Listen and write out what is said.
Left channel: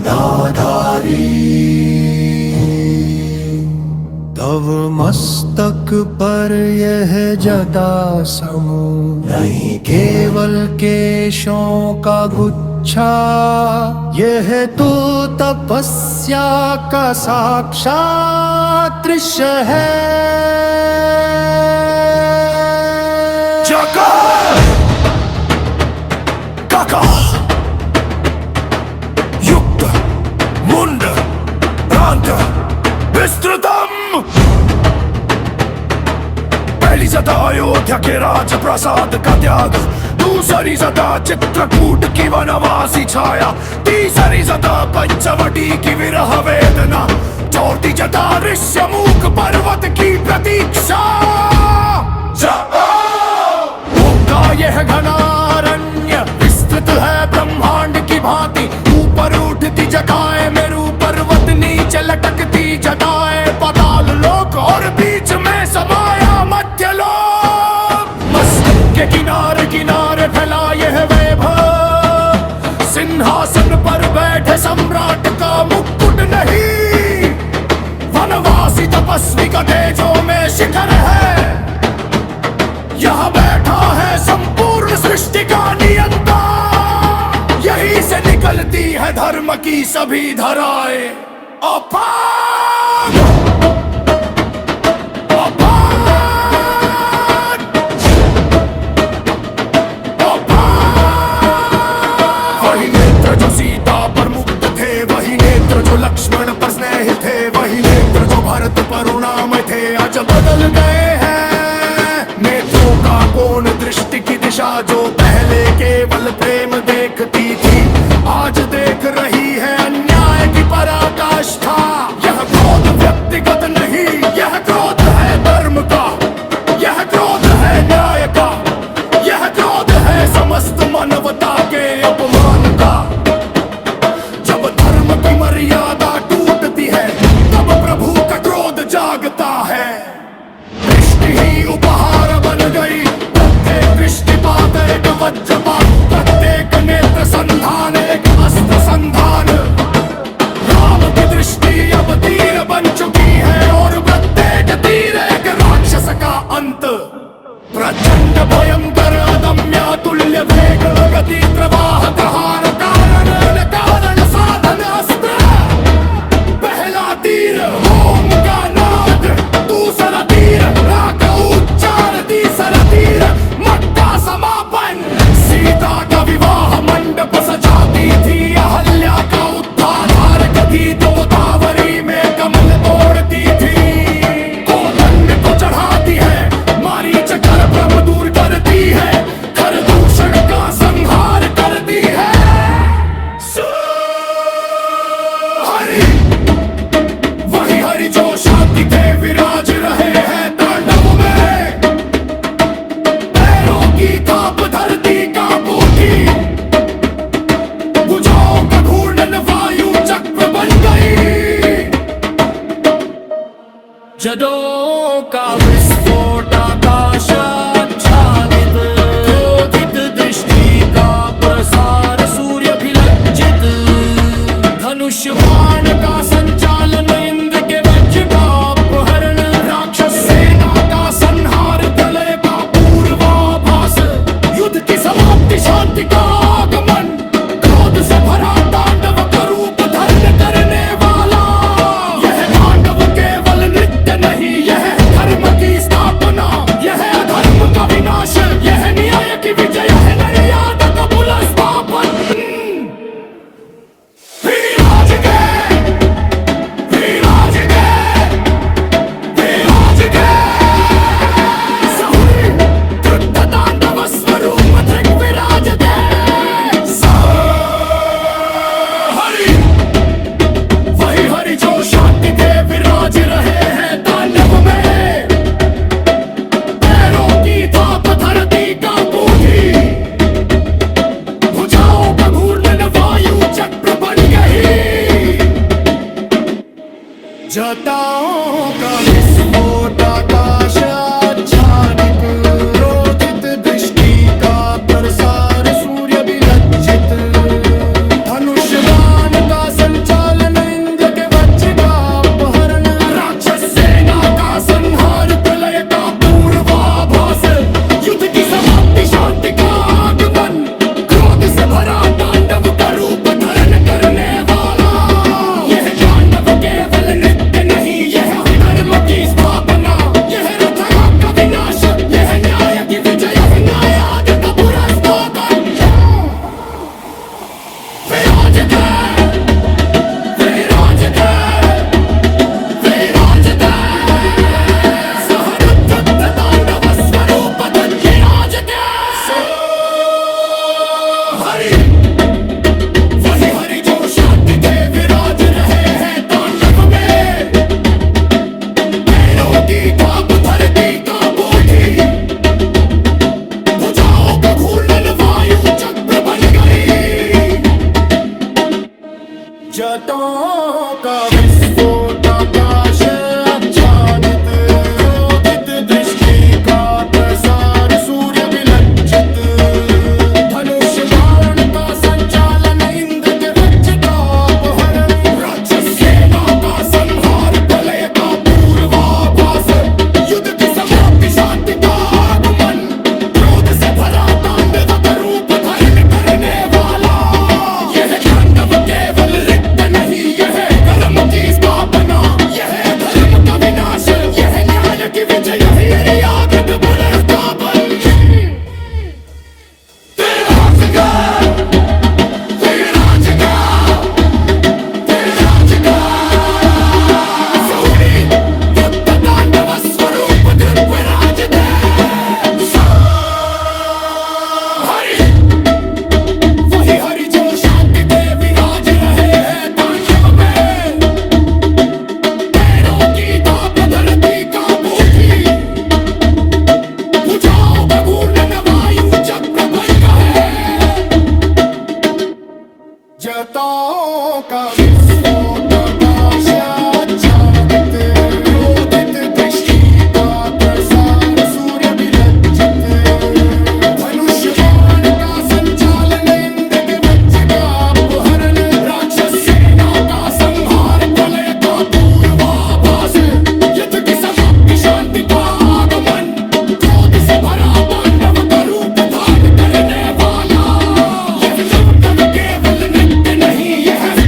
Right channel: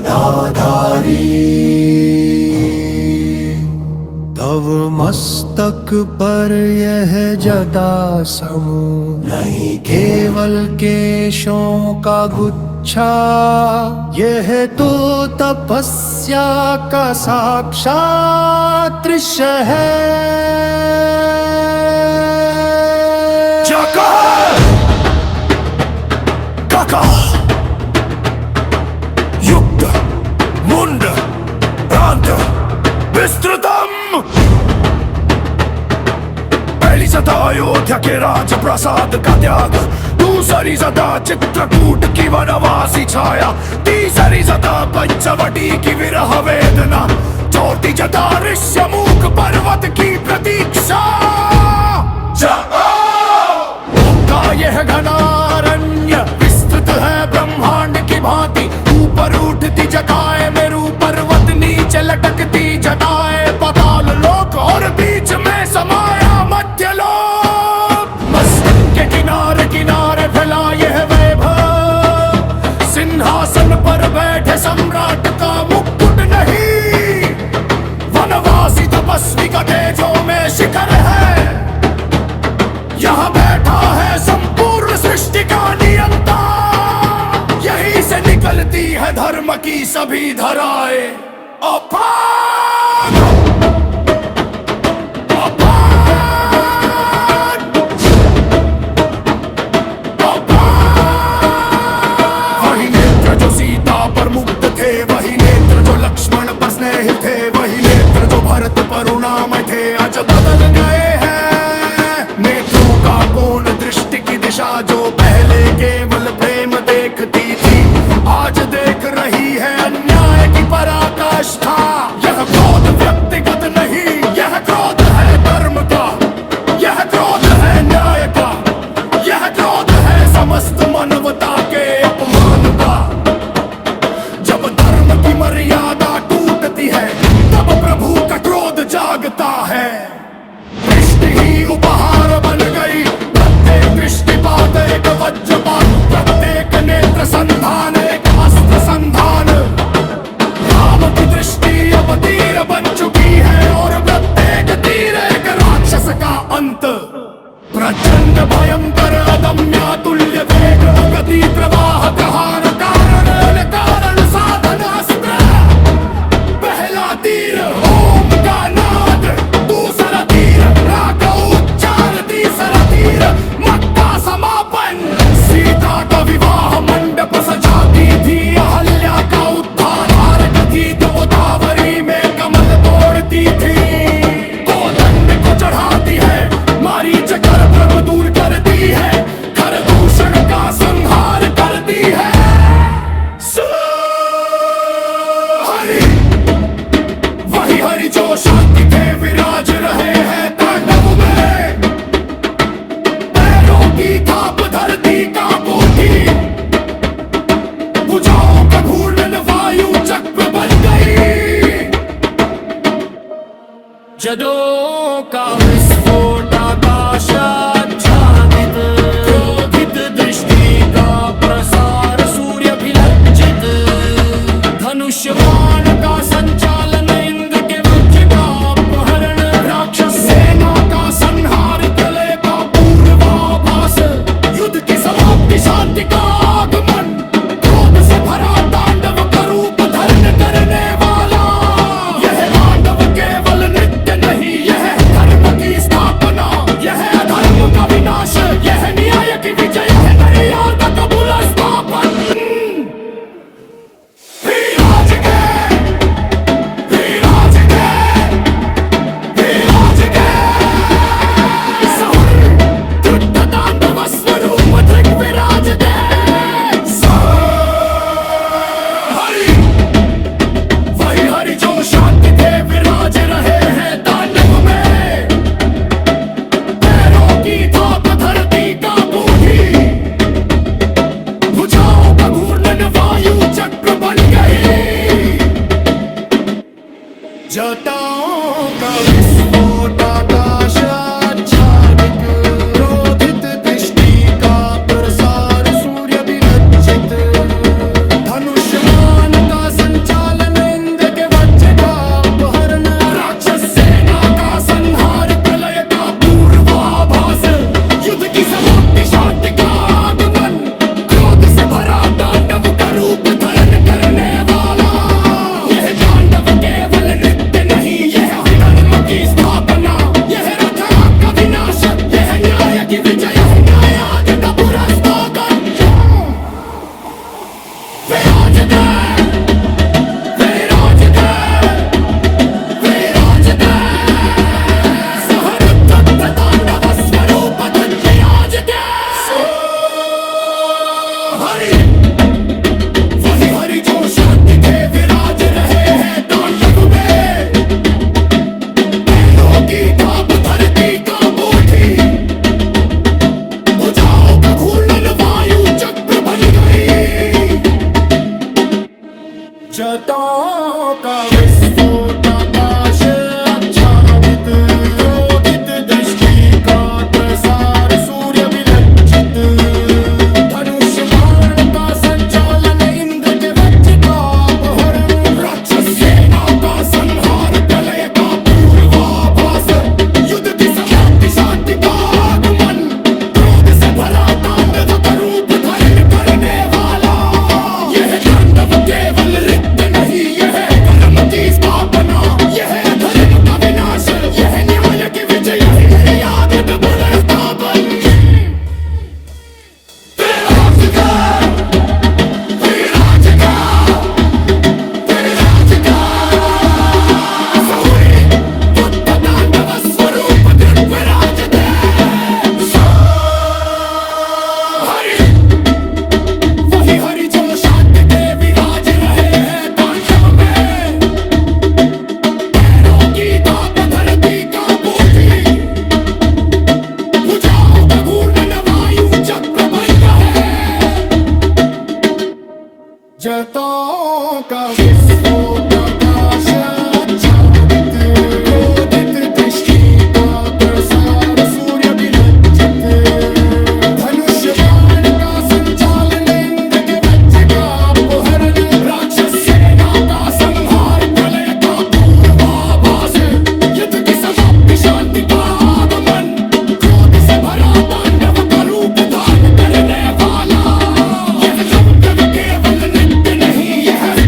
गदाधारी। तव मस्तक पर यह जटा समूह नहीं केवल केशों का गुच्छा, यह तो तपस्या का साक्षात दृश्य है। जगा काका युक्त मुंड प्रांत विस्तृतम। पहली सदा अयोध्या के राज प्रसाद का त्याग, दूसरी सदा चित्रकूट की वनवासी छाया, तीसरी सदा पंचवटी की विरह वेदना, चौथी सदा ऋष्यमुख पर्वत की प्रतीक्षा। का यह घनारण्य विस्तृत है ब्रह्मांड की भांति, ऊपर उठती जटाएं मेरू पर्वत, नीचे लटकती जटाएं पाताल लोक, और बीच में समाया मध्य लोक। मस्तक के किनारे किनारे फैला यह वैभव, सिंहासन पर बैठे सम्राट का मुकुट नहीं, वनवासी तपस्वी का तेजों में शिखर है। यहाँ बैठा है संपूर्ण सृष्टि का नियंता, यहीं से निकलती है धर्म की सभी धाराएं। अपान अपान अपान। वही नेत्र जो सीता पर मुग्ध थे, वही नेत्र जो लक्ष्मण पर स्नेहित थे, वही नेत्र जो भरत पर उन्नामय थे, आज बदल गए हैं। नेत्रों का कोण दृष्टि की दिशा जो पहले केवल प्रेम देखती थी, आज देख रही है अन्याय की पराकाष्ठा। यह क्रोध व्यक्तिगत नहीं, यह क्रोध है धर्म का, यह क्रोध है न्याय का, यह क्रोध है समस्त मानवता के अपमान का। जब धर्म की मर्यादा टूटती है, तब प्रभु का क्रोध जागता है। दृष्टि ही उपहार बन गई, प्रत्येक दृष्टिपात एक वज्रपात, प्रत्येक नेत्र संधान एक अस्त्र संधान। राम की दृष्टि अब तीर बन चुकी है, और प्रत्येक तीर एक राक्षस का अंत। प्रचंड भयंकर अदम्य तुल्य वेग गति प्रवाह ग्रहण कारण कारण साधन अस्त्र। पहला तीर ओम का नाद, दूसरा तीर राग उच्चार, तीसरा तीर मक्का समापन। सीता का विवाह मंडप सजाती थी, अहल्या का उद्धार धारक थी, तो गोदावरी में कमल तोड़ती थी। कोदंड को चढ़ाती है, मारीच कर भ्रम दूर करती है, खरदूषण का संहार करती है। हरि वही हरि जो शांति थे विराज रहे हैं तांडव में। पैरों की थाप धरती का बूटी, भुजाओं का घूर्णन वायु चक्र बन गई। जदों का विस्फोट आकाश आच्छादित, क्रोधित दृष्टि का प्रसार सूर्य भी लज्जित। धनुष बाण का संचालन, इंद्र के वज्र का अपहरण, राक्षस सेना का संहार, प्रलय का पूर्वाभास, युद्ध की समाप्ति शांति का आगमन, क्रोध से भरा तांडव का रूप धारण करने वाला। यह तांडव केवल नृत्य नहीं, यह धर्म की स्थापना, यह अधर्म का विनाश, यह न्याय की विजय है, मर्यादा का पुनर्स्थापन। स्वरूप विराज दे। हरि वही हरि जो शांति थे विराज रहे हैं तांडव में। पैरों की थाप धरती का बूढ़ी, भुजाओं का घूर्णन वायु चक्र बन गई। जटाओं का विस्फोट आकाश आच्छादित, क्रोधित दृष्टि का प्रसार सूर्य भी लज्जित। धनुष बाण का जतों का विस्फोट आकाश आच्छादित, क्रोधित दृष्टि का प्रसार सूर्य विलज्जित, धनुष बाण का संचालन इंद्र के वज्र का अपहरण, राक्षस सेना का संहार प्रलय का पूर्वाभास, युद्ध की समाप्ति शांति का आगमन, क्रोध से भरा तांडव का रूप धारण करने वाला, यह तांडव केवल रिक्त नहीं, यह कर्म की स्थापना, यह धर्म का विनाश, यह न्याय की विजय, यही आदित्य पुनर्स्थापन। तेरा जिगर, तेरा जिगर, तेरा जिगर। सौनी बुद्ध तांडव स्वरूप दृग्विराज दे। हरि, वही हरि जो शांति के विराज रहे हैं तांडव में, पैरों की धाप धरती का बूटी, भुजाओं का घूर्णन वायु चक्र भंग है, जतों का विस्फोट आकाश